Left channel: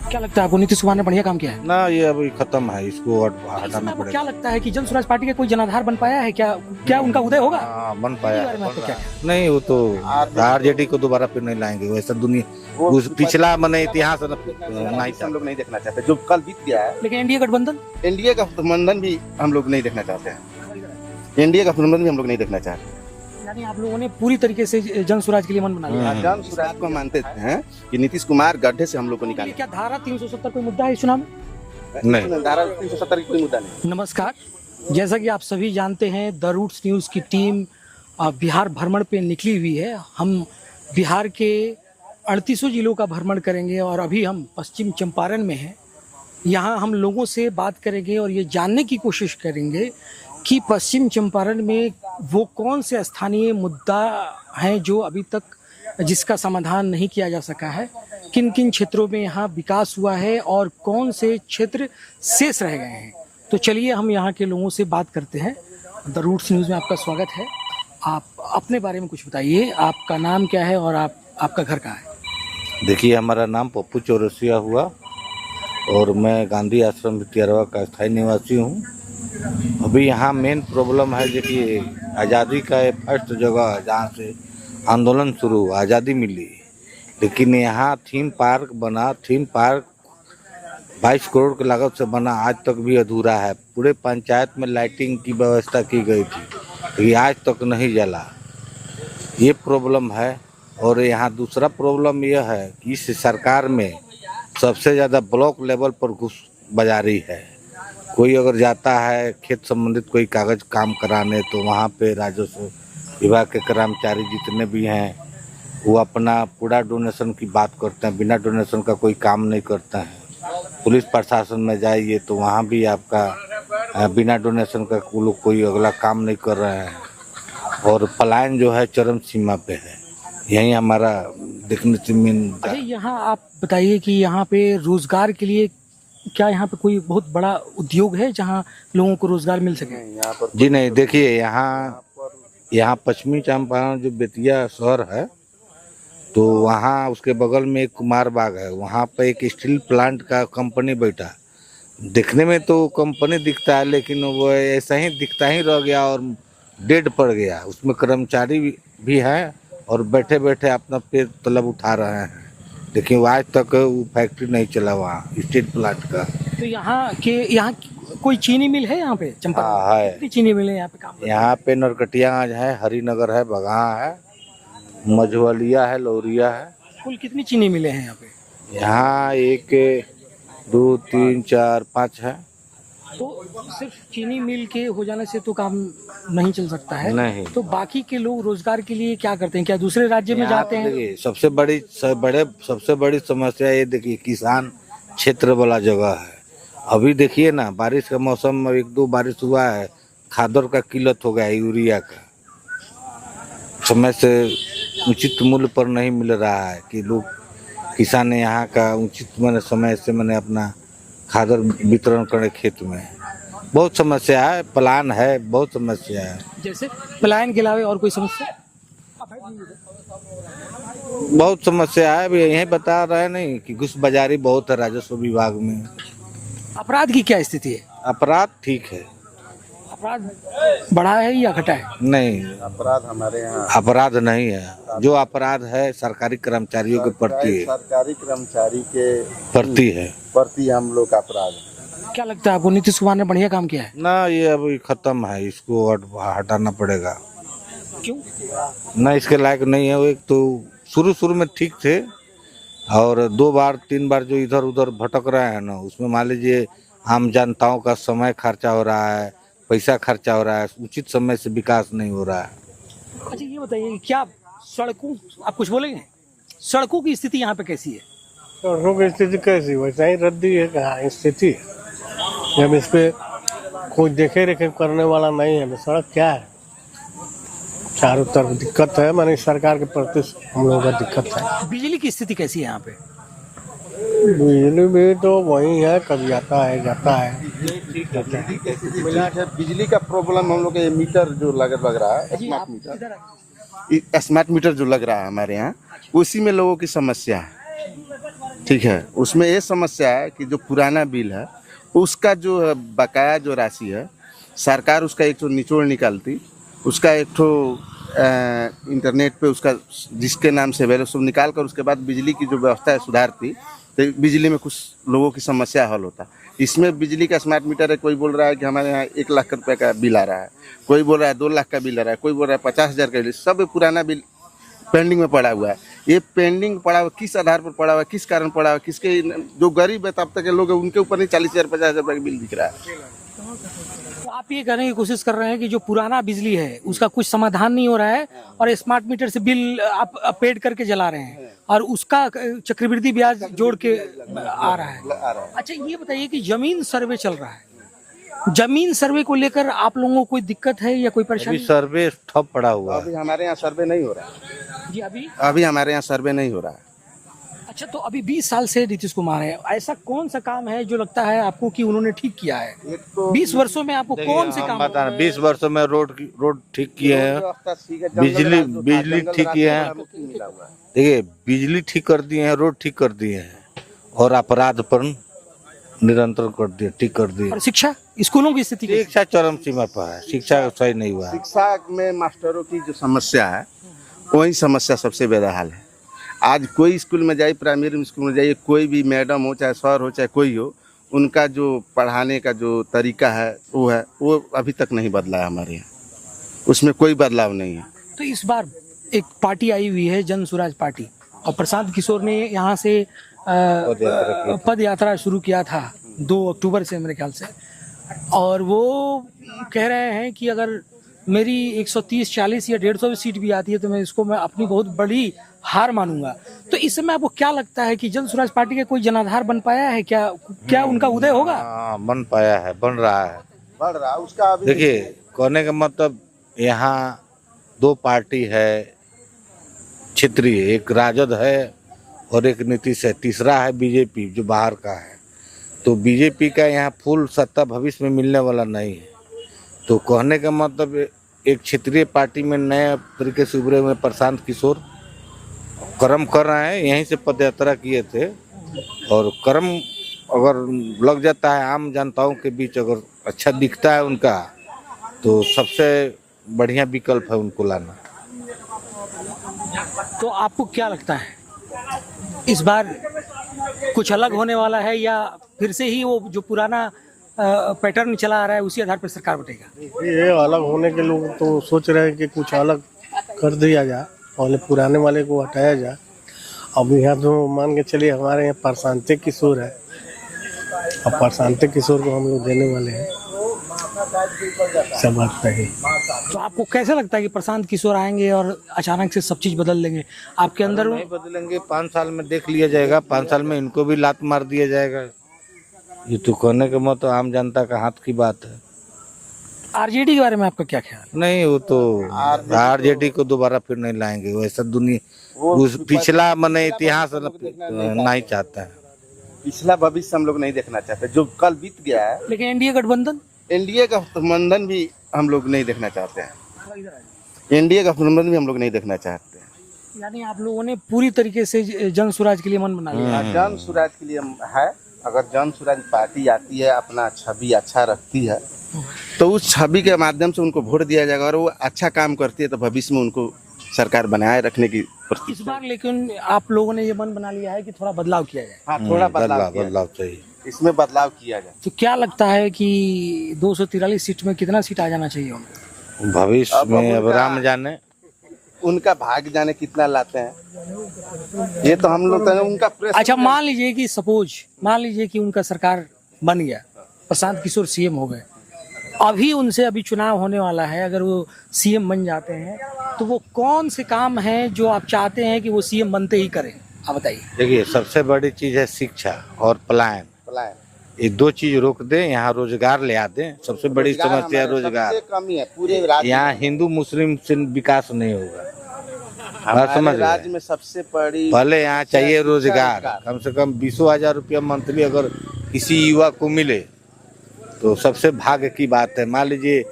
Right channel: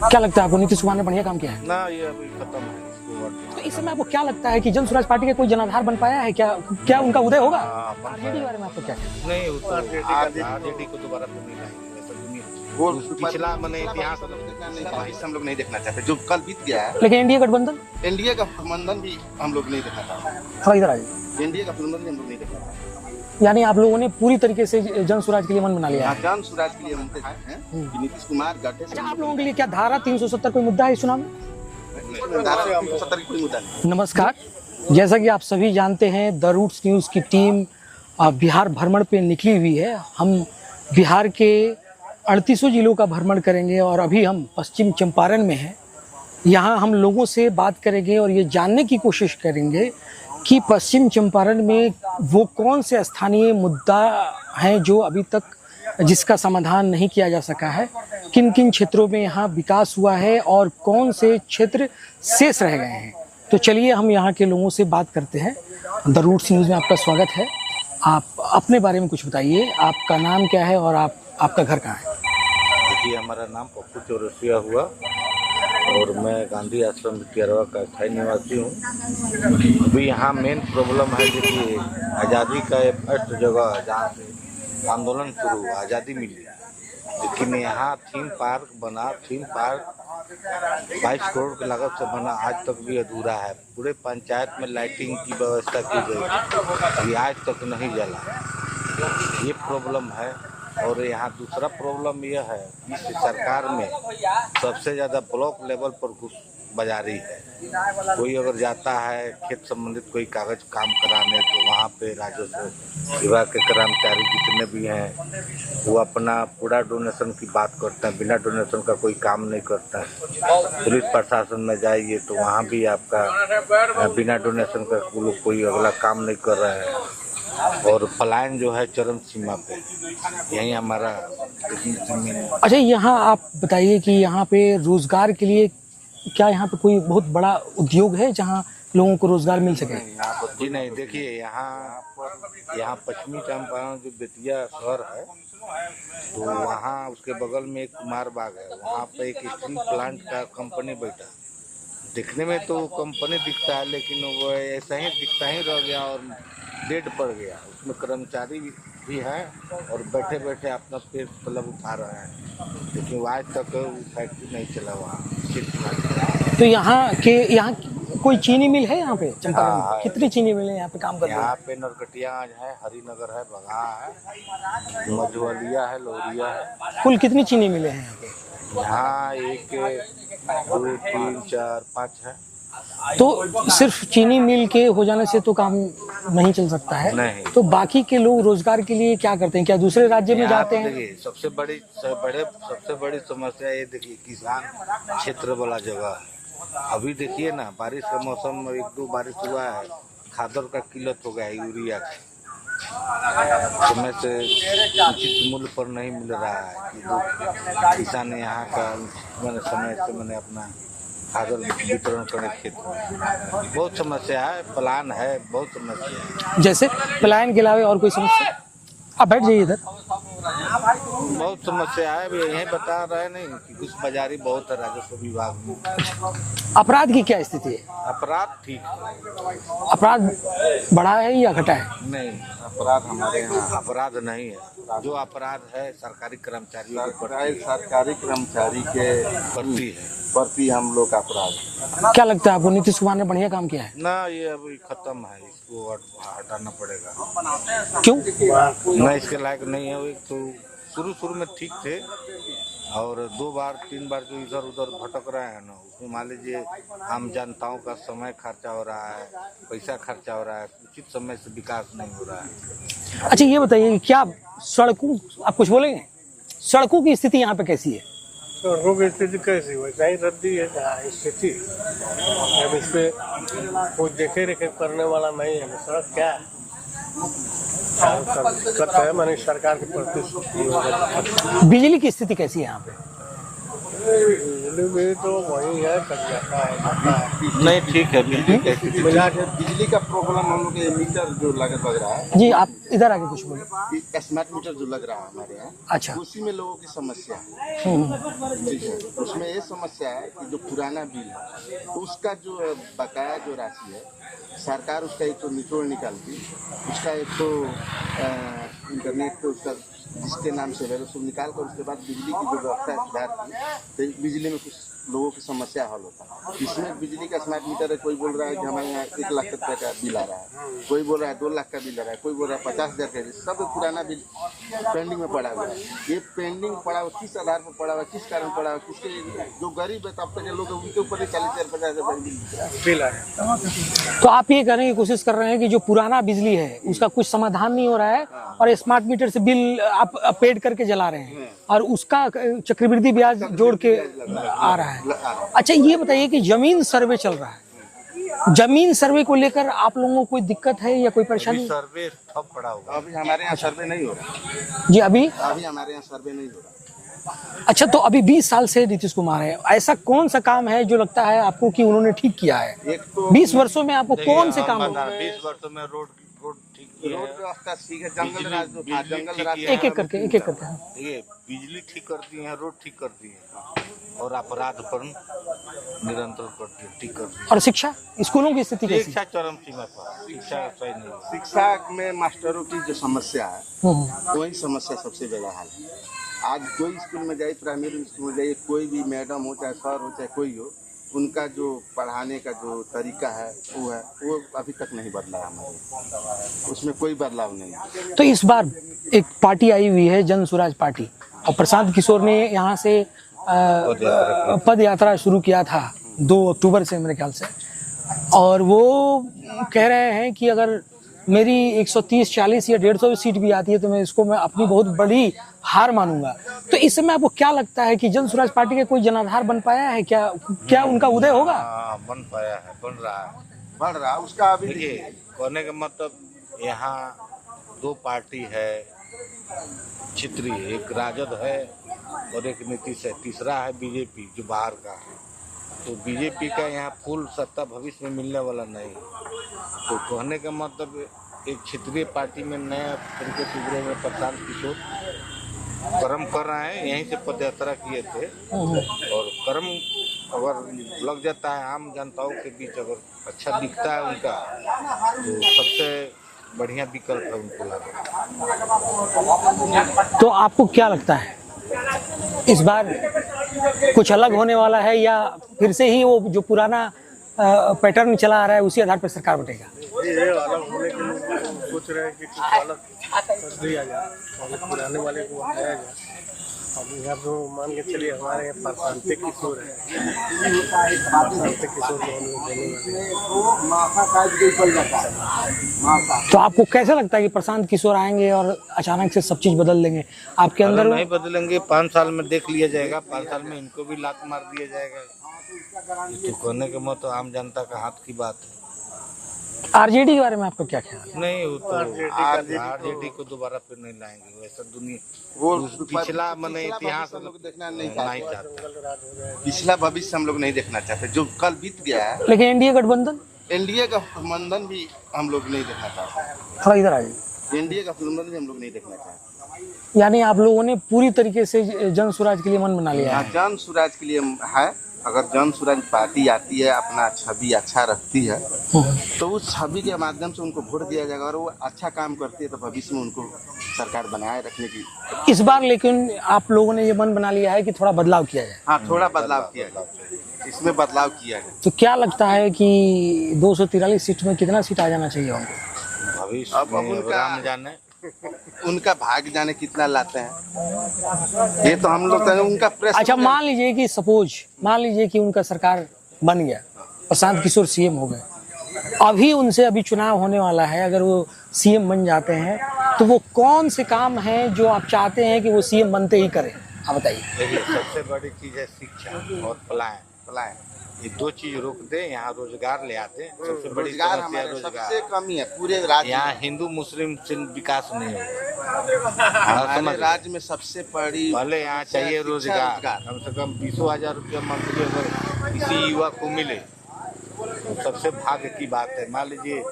क्या लगता है आपको, नीतीश कुमार ने बढ़िया काम किया है? ना, ये अभी खत्म है, इसको इसमें आपको क्या लगता है कि जन स्वराज पार्टी का कोई जनाधार बन पाया है? क्या उनका उदय होगा? हाँ, बन इनके पाया। बारे में आपको क्या? नहीं, वो तो आरजेडी को दोबारा फिर नहीं लाएंगे, वैसा दुनिया पिछला मैंने इतिहास हम लोग नहीं देखना चाहते, जो कल बीत गया है। लेकिन एनडीए गठबंधन, एनडीए का गठबंधन भी हम लोग नहीं देखना चाहते। थोड़ा इधर आ जाइए। एनडीए का गठबंधन भी हम लोग नहीं देखना चाहते। यानी आप लोगों ने पूरी तरीके से जन स्वराज के लिए मन बना लिया है। जन स्वराज को मानते थे कि नीतीश कुमार गड्ढे से हम लोग को लोगों के लिए निकाले। क्या धारा 370 कोई मुद्दा है इस चुनाव में? नहीं। धारा 370 की कोई मुद्दा नहीं। नमस्कार, जैसा कि आप सभी जानते हैं, द रूट्स न्यूज़ की टीम बिहार भ्रमण पे निकली हुई है। हम बिहार के 38 जिलों का भ्रमण करेंगे और अभी हम पश्चिम चंपारण में हैं। यहाँ हम लोगों से बात करेंगे और ये जानने की कोशिश करेंगे कि पश्चिम चंपारण में वो कौन से स्थानीय मुद्दा हैं जो अभी तक जिसका समाधान नहीं किया जा सका है, किन किन क्षेत्रों में यहाँ विकास हुआ है और कौन से क्षेत्र शेष रह गए हैं। तो चलिए हम यहाँ के लोगों से बात करते हैं। द रूट्स न्यूज़ में आपका स्वागत है। आप अपने बारे में कुछ बताइए, आपका नाम क्या है और आपका घर कहाँ है? देखिए, हमारा नाम पप्पू चौरसिया हुआ और मैं गांधी आश्रम विद्यारवा का स्थायी निवासी हूँ। अभी यहाँ मेन प्रॉब्लम है, देखिए, आज़ादी का फर्स्ट जगह जहाँ से आंदोलन शुरू हुआ, आज़ादी मिली, लेकिन यहाँ थीम पार्क बना। थीम पार्क 22 करोड़ की लागत से बना, आज तक भी अधूरा है। पूरे पंचायत में लाइटिंग की व्यवस्था की गई थी, ये आज तक नहीं जला। ये प्रॉब्लम है। और यहाँ दूसरा प्रॉब्लम यह है कि इस सरकार में सबसे ज़्यादा ब्लॉक लेवल पर घुस बाजारी है। कोई अगर जाता है खेत संबंधित कोई कागज काम कराने, तो वहाँ पे राजस्व विभाग के कर्मचारी जितने भी हैं वो अपना पूरा डोनेशन की बात करते हैं, बिना डोनेशन का कोई काम नहीं करता है। पुलिस प्रशासन में जाइए तो वहाँ भी आपका बिना डोनेशन का कोई अगला काम नहीं कर रहे हैं। और पलायन जो है चरम सीमा पे है, यही हमारा देखने से मिल। अच्छा, यहाँ आप बताइए कि यहाँ पे रोजगार के लिए क्या यहाँ पे कोई बहुत बड़ा उद्योग है जहाँ लोगों को रोजगार मिल सके? जी नहीं, देखिए, यहाँ पश्चिमी चंपारण जो बेतिया शहर है, तो वहाँ उसके बगल में एक कुमार बाग है। वहाँ पे एक स्टील प्लांट का कंपनी बैठा। देखने में तो कंपनी दिखता है, लेकिन वो ऐसा ही दिखता ही रह गया और डेड पड़ गया। उसमें कर्मचारी भी हैं और बैठे बैठे अपना पेट तलब उठा रहे हैं, लेकिन आज तक वो फैक्ट्री नहीं चला वहाँ स्टील प्लांट का। तो यहाँ कोई चीनी मिल है यहाँ पे चंपारण में? हाँ, है। कितनी चीनी मिल है यहाँ पे काम करते हैं? यहाँ पे नरकटियागंज है, हरिनगर है, बगहा है, मझवलिया है, लौरिया है। कुल कितनी चीनी मिले हैं यहाँ पे? यहाँ 1 2 3 4 5 है। तो सिर्फ चीनी मिल के हो जाने से तो काम नहीं चल सकता है। नहीं। तो बाकी के लोग रोजगार के लिए क्या करते हैं? क्या दूसरे राज्य में जाते हैं? देखिए, सबसे बड़ी समस्या ये, देखिए, किसान क्षेत्र वाला जगह है। अभी देखिए ना, बारिश का मौसम में 1-2 बारिश हुआ है, खादर का किल्लत हो गया है, यूरिया का समय से उचित मूल्य पर नहीं मिल रहा है कि लोग किसान यहाँ का उचित मैंने समय से मैंने अपना खादर वितरण करे खेत में। बहुत समस्या है, प्लान है, बहुत समस्या है। जैसे पलायन के अलावा और कोई समस्या? आप बैठ जाइए इधर। बहुत समस्या है, अभी यही बता रहे नहीं कि घुस बाजारी बहुत है राजस्व विभाग में। अपराध की क्या स्थिति है? अपराध ठीक है। अपराध बढ़ा है या घटा है? नहीं, अपराध हमारे यहाँ अपराध नहीं है। जो अपराध है सरकारी कर्मचारियों के प्रति है, सरकारी कर्मचारी के प्रति हम लोग का अपराध। क्या लगता है आपको, नीतीश कुमार ने बढ़िया काम किया है? ना, ये अभी खत्म है, इसको हटाना पड़ेगा। क्यों? ना, इसके लायक नहीं है वो। एक तो शुरू में ठीक थे और 2 बार 3 बार जो इधर उधर भटक रहे हैं ना, उसमें मान लीजिए आम जनताओं का समय खर्चा हो रहा है, पैसा खर्चा हो रहा है, उचित समय से विकास नहीं हो रहा है। अच्छा, ये बताइए क्या सड़कों, आप कुछ बोलेंगे? सड़कों की स्थिति यहाँ पे कैसी है? सड़कों की स्थिति कैसी, वैसा ही रद्दी है कहाँ स्थिति। जब इस पे कोई देखे रेखे करने वाला नहीं है, सड़क क्या है, चारों तरफ दिक्कत है। माने सरकार के प्रति हम लोगों का दिक्कत है। बिजली की स्थिति कैसी है यहाँ पे? बिजली भी तो वही है, कभी आता है जाता है। नहीं, ठीक है। बिजली का प्रॉब्लम हम लोग के मीटर जो लग रहा है जी, आप इधर आके कुछ बोले। स्मार्ट मीटर जो लग रहा है हमारे यहाँ, अच्छा। उसी में लोगों की समस्या है। ठीक है, उसमें ये समस्या है कि जो पुराना बिल है उसका जो बकाया जो राशि है, सरकार उसका एक तो निचोड़ निकालती, उसका एक तो इंटरनेट पे उसका जिसके नाम से वैल्यू सब निकाल कर उसके बाद बिजली की जो व्यवस्था है सुधारती, तो बिजली में कुछ लोगों की समस्या हल होता। इसमें बिजली का स्मार्ट मीटर है, कोई बोल रहा है कि हमारे यहाँ 1 लाख रुपए का बिल आ रहा है, कोई बोल रहा है 2 लाख का बिल आ रहा है, कोई बोल रहा है 50,000 का बिल, सब पुराना बिल पेंडिंग में पड़ा हुआ है। ये पेंडिंग पड़ा हुआ किस आधार पर पड़ा हुआ है, किस कारण पड़ा हुआ है, किसके जो गरीब है तब तक के लोग हैं उनके ऊपर नहीं 40,000 50,000 रुपए का बिल दिख रहा है। तो आप ये कहने की कोशिश कर रहे हैं कि जो पुराना बिजली है उसका कुछ समाधान नहीं हो रहा है और स्मार्ट मीटर से बिल आप पेड करके जला रहे हैं और उसका चक्रवृद्धि ब्याज जोड़ के आ रहा है। अच्छा ये बताइए कि जमीन सर्वे चल रहा है, जमीन सर्वे को लेकर आप लोगों को कोई दिक्कत है या कोई परेशानी? सर्वे ठप पड़ा हुआ है। अभी हमारे यहाँ सर्वे नहीं हो रहा है। जी अभी हमारे यहाँ सर्वे नहीं हो रहा है। अच्छा, तो अभी 20 साल से नीतीश कुमार है, ऐसा कौन सा काम है जो लगता है आपको कि उन्होंने ठीक किया है? 20 वर्षों में आपको कौन से काम? 20 वर्षों में रोड ठीक किए हैं, बिजली ठीक किए हैं, एक एक करके देखिए बिजली ठीक कर दिए हैं, रोड ठीक कर दिए हैं और अपराध पर निरंतर कर दिए, ठीक कर दिए। और शिक्षा, स्कूलों की स्थिति कैसी? शिक्षा चरम सीमा पर है, शिक्षा सही नहीं हुआ है। शिक्षा में मास्टरों की जो समस्या है वही समस्या सबसे बेहाल है। आज कोई स्कूल में जाइए, प्राइमरी स्कूल में जाइए, कोई भी मैडम हो चाहे सर हो चाहे कोई हो, उनका जो पढ़ाने का जो तरीका है वो अभी तक नहीं बदला है हमारे यहाँ, उसमें कोई बदलाव नहीं है। तो इस बार एक पार्टी आई हुई है जन स्वराज पार्टी और प्रशांत किशोर ने यहाँ से पद यात्रा शुरू किया था 2 अक्टूबर से मेरे ख्याल से, और वो कह रहे हैं कि अगर मेरी 130, 40 या 150 सीट भी आती है तो मैं अपनी बहुत बड़ी हार मानूंगा। तो इस समय आपको क्या लगता है कि जन स्वराज पार्टी का कोई जनाधार बन पाया है क्या उनका उदय होगा? बन पाया है, बन रहा है उसका। देखिए कहने का मतलब यहाँ 2 पार्टी है क्षेत्रीय, एक राजद है और एक नीतीश है, तीसरा है बीजेपी जो बाहर का है। तो बीजेपी का यहाँ फुल सत्ता भविष्य में मिलने वाला नहीं है। तो कहने का मतलब एक क्षेत्रीय पार्टी में नए तरीके से उभरे हुए प्रशांत किशोर कर्म कर रहे हैं, यहीं से पदयात्रा किए थे और कर्म अगर लग जाता है आम जनताओं के बीच, अगर अच्छा दिखता है उनका, तो सबसे बढ़िया विकल्प है उनको लाना। तो आपको क्या लगता है इस बार कुछ अलग होने वाला है या फिर से ही वो जो पुराना पैटर्न चला आ रहा है उसी आधार पर सरकार बटेगा? ये अलग होने के लोग तो सोच रहे हैं कि कुछ अलग कर दिया जाए और पुराने वाले को हटाया जाए। अब यहाँ तो मान के चलिए हमारे यहाँ प्रशांत किशोर है, अब प्रशांत किशोर को हम लोग देने वाले हैं, सब बात है। तो आपको कैसा लगता है कि प्रशांत किशोर आएंगे और अचानक से सब चीज बदल देंगे आपके अंदर? नहीं बदलेंगे, 5 साल में देख लिया जाएगा, 5 साल में इनको भी लात मार दिया जाएगा। ये तो कहने के मतलब आम जनता का हाथ की बात है। आरजेडी के बारे में आपका क्या ख्याल? नहीं, वो तो आरजेडी को दोबारा फिर नहीं लाएंगे, वैसा दुनिया पिछला मने इतिहास नहीं चाहता है, पिछला भविष्य हम लोग नहीं देखना चाहते, जो कल बीत गया है। लेकिन एनडीए गठबंधन भी हम लोग नहीं देखना चाहते हैं। थोड़ा इधर आ जाइए। एनडीए गठबंधन भी हम लोग नहीं देखना चाहते। यानी आप लोगों ने पूरी तरीके से जन स्वराज के लिए मन बना लिया है? जन स्वराज के लिए है। अगर जन स्वराज पार्टी आती है, अपना छवि अच्छा रखती है, तो उस छवि के माध्यम से उनको वोट दिया जाएगा और वो अच्छा काम करती है तो भविष्य में उनको सरकार बनाए रखने की। इस बार लेकिन आप लोगों ने ये मन बना लिया है कि थोड़ा बदलाव किया जाए। हाँ, थोड़ा बदलाव चाहिए, इसमें बदलाव किया गया। तो क्या लगता है कि 243 सीट में कितना सीट आ जाना चाहिए उनको भविष्य में? अब राम जाने, उनका भाग जाने कितना लाते हैं, ये तो हम लोग उनका प्रेस। अच्छा, मान लीजिए कि उनका सरकार बन गया, प्रशांत किशोर सीएम हो गए, अभी चुनाव होने वाला है, अगर वो सीएम बन जाते हैं तो वो कौन से काम हैं जो आप चाहते हैं कि वो सीएम बनते ही करें? आप बताइए। देखिए सबसे बड़ी चीज है शिक्षा और पलायन। ये 2 चीज रोक दें, यहाँ रोजगार ले आते हैं। सबसे बड़ी समस्या है रोजगार, कमी है पूरे राज्य। यहाँ हिंदू मुस्लिम से विकास नहीं होगा। समझ राज्य में सबसे बड़ी पहले यहाँ चाहिए रोजगार, कम से कम 20,000 रुपया मंथली अगर किसी युवा को मिले तो सबसे भाग्य की बात है। मान लीजिए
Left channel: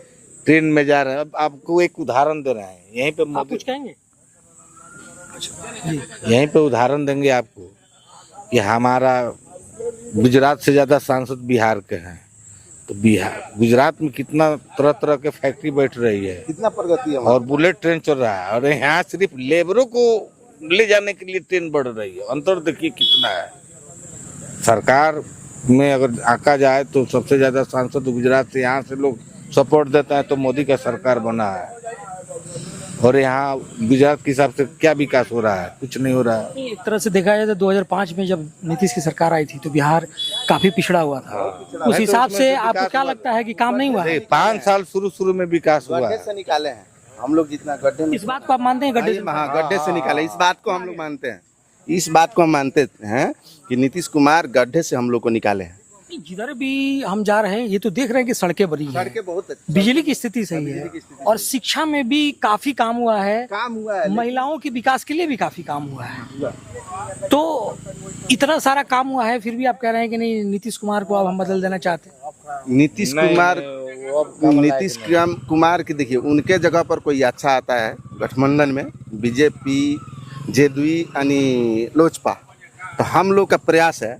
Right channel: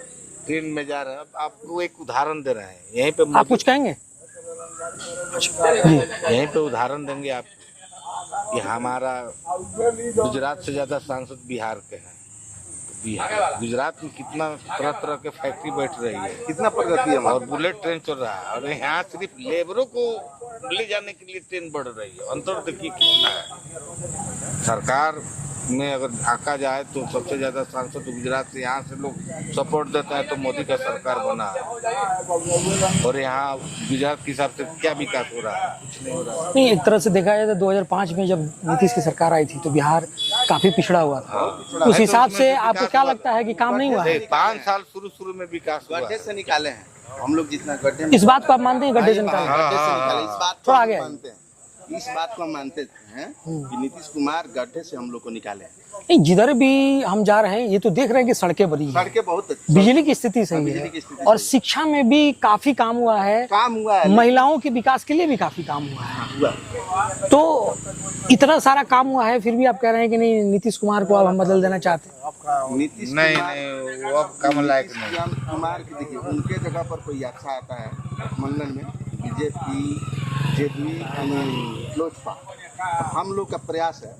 ट्रेन में जा रहे हैं, अब आपको एक उदाहरण दे रहे हैं, यहीं पे आप कुछ कहेंगे? यहीं पे उदाहरण देंगे आपको। कि हमारा गुजरात से ज़्यादा सांसद बिहार के हैं, तो बिहार गुजरात में कितना तरह तरह के फैक्ट्री बैठ रही है, कितना प्रगति है और बुलेट ट्रेन चल रहा है, और यहाँ सिर्फ लेबरों को ले जाने के लिए ट्रेन बढ़ रही है। अंतर देखिए कितना है। सरकार में अगर आका जाए तो सबसे ज़्यादा सांसद गुजरात से, यहाँ से लोग सपोर्ट देता है तो मोदी का सरकार बना है। और यहाँ गुजरात के हिसाब से क्या विकास हो रहा है? कुछ नहीं हो रहा है। नहीं, एक तरह से देखा जाए तो 2005 में जब नीतीश की सरकार आई थी तो बिहार काफी पिछड़ा हुआ था। उस हिसाब से आपको क्या लगता है कि काम नहीं हुआ है? 5 साल शुरू में विकास हुआ गड्ढे है। से निकाले हैं हम लोग, जितना गड्ढे में इस बात को आप मानते हैं गड्ढे से गड्ढे से निकाले, इस बात को हम मानते हैं। इस बात को हम मानते हैं कि नीतीश कुमार गड्ढे से हम लोग को निकाले हैं। नहीं, जिधर भी हम जा रहे हैं ये तो देख रहे हैं कि सड़कें बनी हैं, सड़कें बहुत अच्छी, बिजली की स्थिति सही है, और शिक्षा में भी काफी काम हुआ है, काम हुआ है, महिलाओं के विकास के लिए भी काफी काम हुआ है। तो इतना सारा काम हुआ है, फिर भी आप कह रहे हैं कि नहीं नीतीश कुमार को अब हम बदल देना चाहते हैं। नीतीश नहीं, कुमार नहीं, वो अब कम लायक नीतीश नहीं। कुमार की देखिए, उनके जगह पर कोई अच्छा आता है गठबंधन में, बीजेपी, जेडीयू यानी लोजपा, तो हम लोग का प्रयास है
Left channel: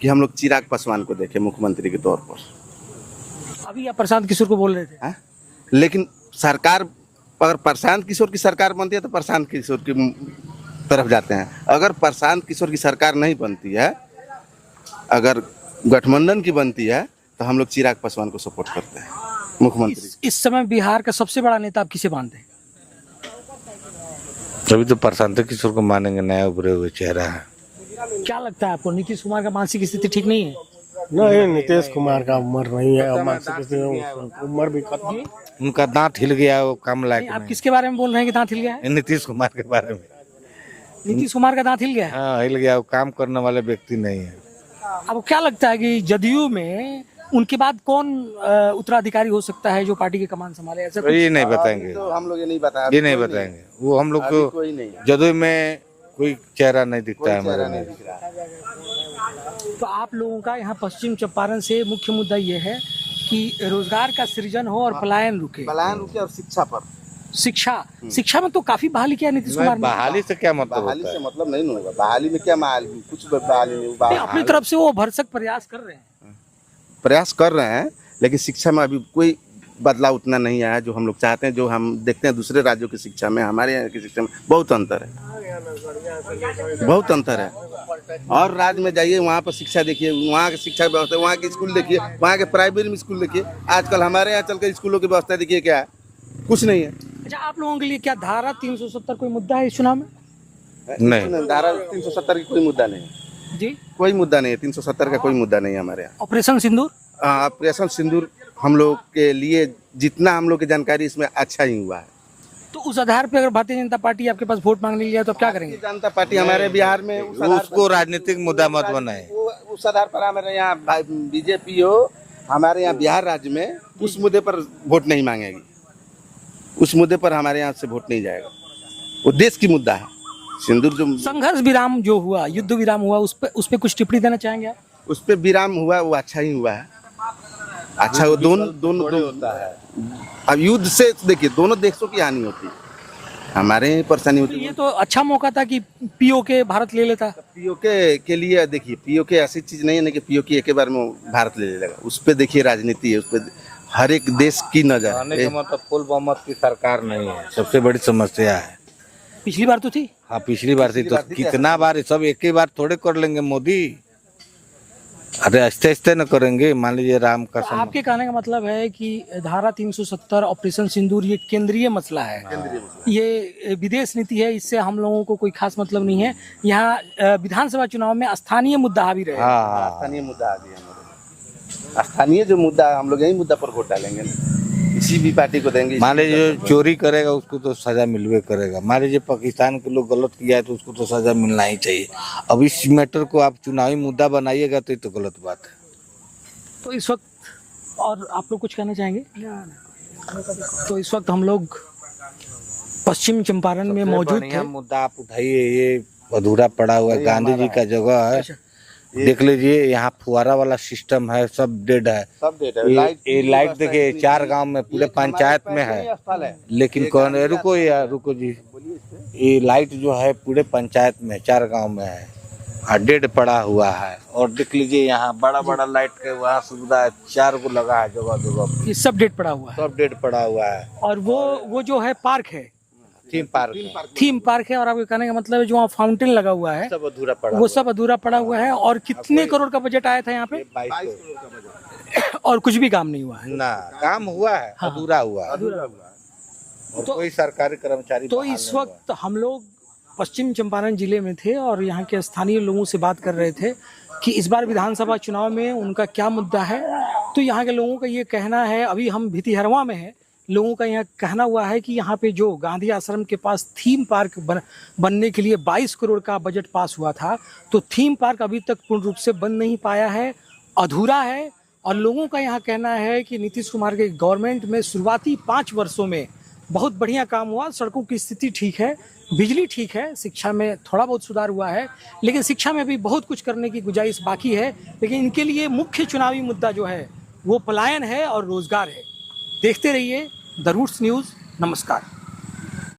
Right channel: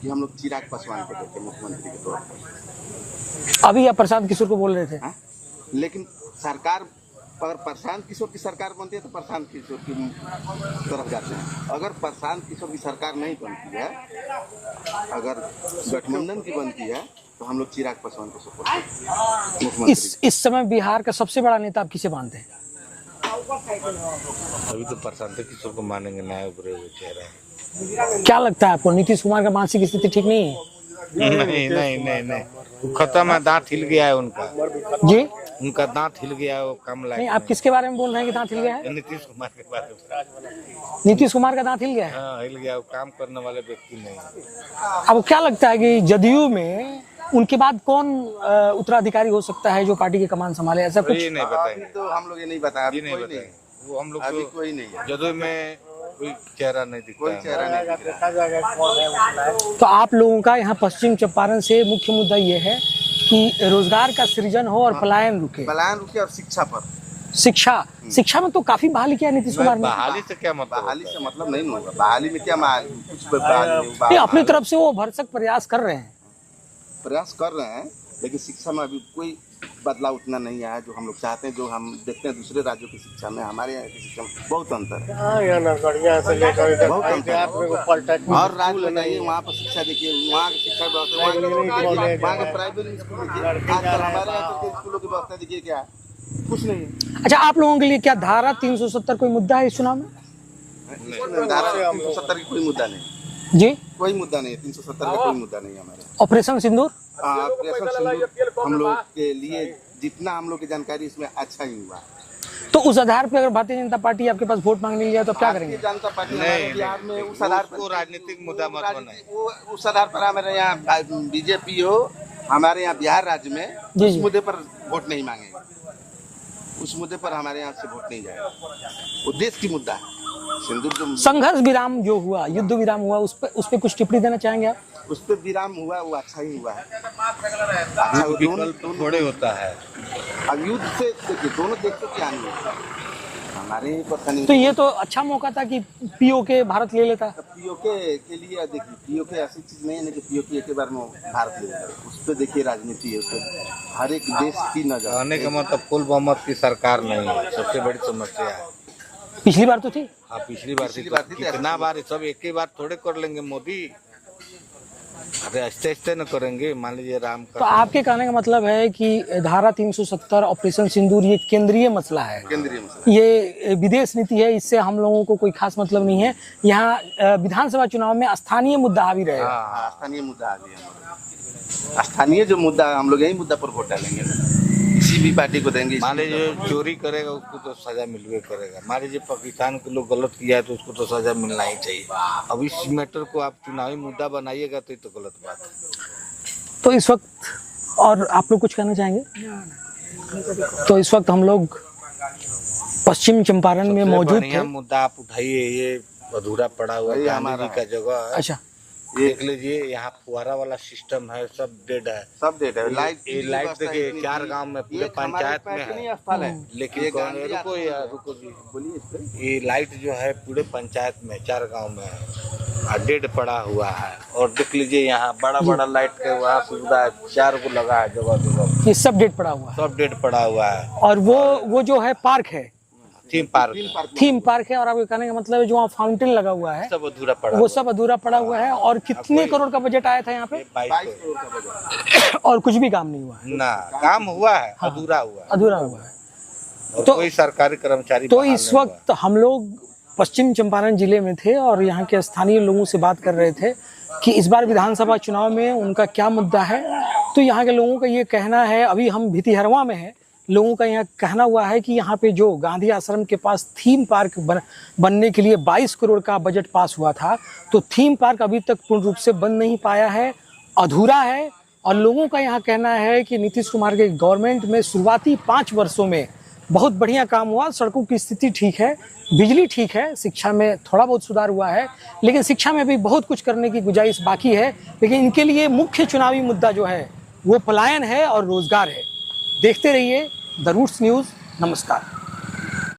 कि हम लोग चिराग पासवान को देखें मुख्यमंत्री के तौर पर। अभी आप प्रशांत किशोर को बोल रहे थे। हाँ? लेकिन सरकार, अगर प्रशांत किशोर की सरकार बनती है तो प्रशांत किशोर की तरफ जाते हैं। अगर प्रशांत किशोर की सरकार नहीं बनती है, अगर गठबंधन की बनती है, तो हम लोग चिराग पासवान को सपोर्ट करते हैं मुख्यमंत्री। इस समय बिहार का सबसे बड़ा नेता आप किसे मानते हैं? तभी तो प्रशांत किशोर को मानेंगे, नया उभरे हुए चेहरा है। क्या लगता है आपको, नीतीश कुमार का मानसिक स्थिति ठीक नहीं है? नहीं, नीतीश कुमार का उम्र नहीं है, खत्म है, दांत हिल गया है उनका। उम्र भी खत्म। जी उनका दांत हिल गया है, वो कम नहीं, लायक आप किसके बारे में बोल रहे हैं कि दांत हिल गया है? नहीं। नीतीश कुमार के बारे में। नीतीश कुमार का दांत हिल गया है। हाँ, हिल गया, वो काम करने वाले व्यक्ति नहीं है। आपको क्या लगता है कि जदयू में उनके बाद कौन उत्तराधिकारी हो सकता है जो पार्टी के कमान संभाले? ऐसा कुछ ये नहीं बताएंगे, तो हम लोग ये नहीं बताया, ये नहीं बताएंगे। वो हम लोग को कोई नहीं है। जदयू में कोई चेहरा नहीं दिखता है हमारे लिए। तो आप लोगों का यहाँ पश्चिम चंपारण से मुख्य मुद्दा ये है कि रोजगार का सृजन हो और पलायन रुके। पलायन रुके, और शिक्षा पर, शिक्षा में तो काफी बहाली किया नीतीश कुमार ने। बहाली से क्या मतलब बहाली होता से है? मतलब नहीं होगा। बहाली में क्या कुछ बहाली नहीं, नहीं, अपनी तरफ से वो भरसक प्रयास कर रहे हैं। प्रयास कर रहे हैं, लेकिन शिक्षा में अभी कोई बदलाव उतना नहीं आया जो हम लोग चाहते हैं। जो हम देखते हैं दूसरे राज्यों की शिक्षा में, हमारे यहाँ की शिक्षा में बहुत अंतर है, हाँ, यहाँ नरकड़िया से लेकर इधर बहुत अंतर है। पॉलिटेक्निक और राज्य में जाइए, वहाँ पर शिक्षा देखिए, वहाँ की शिक्षा की व्यवस्था, वहाँ के स्कूल देखिए, वहाँ के प्राइवेट में स्कूल देखिए। आजकल हमारे यहाँ चलकर स्कूलों की व्यवस्था देखिए, क्या है, कुछ नहीं है। अच्छा, आप लोगों के लिए क्या धारा 370 कोई मुद्दा है इस चुनाव में? नहीं, धारा 370 की कोई मुद्दा नहीं, जी, कोई मुद्दा नहीं है। 370 का कोई मुद्दा नहीं है हमारे यहाँ। ऑपरेशन सिंदूर? ऑपरेशन सिंदूर हम लोग के लिए, जितना हम लोग की जानकारी, इसमें अच्छा ही हुआ है। तो उस आधार पे अगर भारतीय जनता पार्टी आपके पास वोट मांगने जाए तो आप क्या करेंगे? भारतीय जनता पार्टी हमारे बिहार में उस आधार उसको राजनीतिक मुद्दा मत बनाए। उस आधार पर हमारे यहाँ बीजेपी हो, हमारे यहाँ बिहार राज्य में जी, उस जी। मुद्दे पर वोट नहीं मांगेगी। उस मुद्दे पर हमारे यहाँ से वोट नहीं जाएगा। वो देश की मुद्दा है। सिंदूर जो संघर्ष विराम जो हुआ, युद्ध विराम हुआ, उस पे कुछ टिप्पणी देना चाहेंगे आप? उस पर विराम हुआ, वो अच्छा ही हुआ है। अच्छा, वो दोनों थोड़े होता है। अब युद्ध से देखिए, दोनों देशों की हानि होती है, हमारे ही परेशानी तो होती है। ये तो अच्छा मौका था कि पीओके भारत ले लेता। पीओके के लिए देखिए, पीओके ऐसी चीज नहीं है ना कि पीओके एक बार में भारत ले लेगा। उस पर देखिए राजनीति है, उस पर हर एक देश की नजर। कहने का मतलब फुल बहुमत की सरकार नहीं है, सबसे बड़ी समस्या है। पिछली बार तो थी। हाँ, पिछली बार थी तो कितना बार, सब एक ही बार थोड़े कर लेंगे मोदी। अरे आहिस्ते आहिस्ते न करेंगे। मान लीजिए राम का तो आपके कहने का मतलब है कि धारा 370 ऑपरेशन सिंदूर ये केंद्रीय मसला है, केंद्रीय मसला। ये विदेश नीति है, इससे हम लोगों को कोई खास मतलब नहीं है। यहाँ विधानसभा चुनाव में स्थानीय मुद्दा हावी रहे। हाँ, स्थानीय मुद्दा आ गया हमारा। स्थानीय जो मुद्दा है, हम लोग यही मुद्दा पर वोट डालेंगे, किसी भी पार्टी को देंगे। मान लीजिए चोरी करेगा उसको तो सजा मिलवे करेगा। मान लीजिए पाकिस्तान के लोग गलत किया है तो उसको तो सजा मिलना ही चाहिए। अब इस मैटर को आप चुनावी मुद्दा बनाइएगा तो ये तो गलत बात है। तो इस वक्त, और आप लोग कुछ कहना चाहेंगे? तो इस वक्त हम लोग पश्चिम चंपारण में सबसे मौजूद बढ़िया थे। मुद्दा आप उठाइए, ये अधूरा पड़ा हुआ है, गांधी जी का जगह है। अच्छा, देख लीजिए, यहाँ फुहारा वाला सिस्टम है, सब डेड है। सब डेट है। ये लाइट देखिए 4 गांव में, पूरे पंचायत में है, लेकिन कौन, रुको यार, रुको जी, ये लाइट जो है पूरे पंचायत में 4 गांव में है, डेड पड़ा हुआ है। और देख लीजिए यहाँ बड़ा बड़ा लाइट के वहाँ सुविधा है, 4 गो लगा है जगह जगह, ये सब डेट पड़ा हुआ है। सब डेड पड़ा हुआ है। और वो जो है पार्क है, थीम पार्क है, और आपके कहने का मतलब है जो वहाँ फाउंटेन लगा हुआ है सब अधूरा पड़ा वो सब अधूरा पड़ा हुआ है। और कितने करोड़ का बजट आया था यहाँ पे? 22 करोड़ का बजट और कुछ भी काम नहीं हुआ है ना, काम हुआ है, हाँ, अधूरा हुआ है। अधूरा हुआ है। और तो- कोई सरकारी कर्मचारी तो बहाल इस नहीं हुआ। वक्त हम लोग पश्चिम चंपारण जिले में थे और यहाँ के स्थानीय लोगों से बात कर रहे थे कि इस बार विधानसभा चुनाव में उनका क्या मुद्दा है। तो यहाँ के लोगों का ये कहना है, अभी हम भितिहरवा में हैं, लोगों का यहाँ कहना हुआ है कि यहाँ पे जो गांधी आश्रम के पास थीम पार्क बनने के लिए 22 करोड़ का बजट पास हुआ था, तो थीम पार्क अभी तक पूर्ण रूप से बन नहीं पाया है, अधूरा है। और लोगों का यहाँ कहना है कि नीतीश कुमार के गवर्नमेंट में शुरुआती 5 वर्षों में बहुत बढ़िया काम हुआ, सड़कों की स्थिति ठीक है, बिजली ठीक है, शिक्षा में थोड़ा बहुत सुधार हुआ है, लेकिन शिक्षा में भी बहुत कुछ करने की गुंजाइश बाकी है। लेकिन इनके लिए मुख्य चुनावी मुद्दा जो है वो पलायन है और रोजगार है। देखते रहिए द रूट्स न्यूज़। नमस्कार।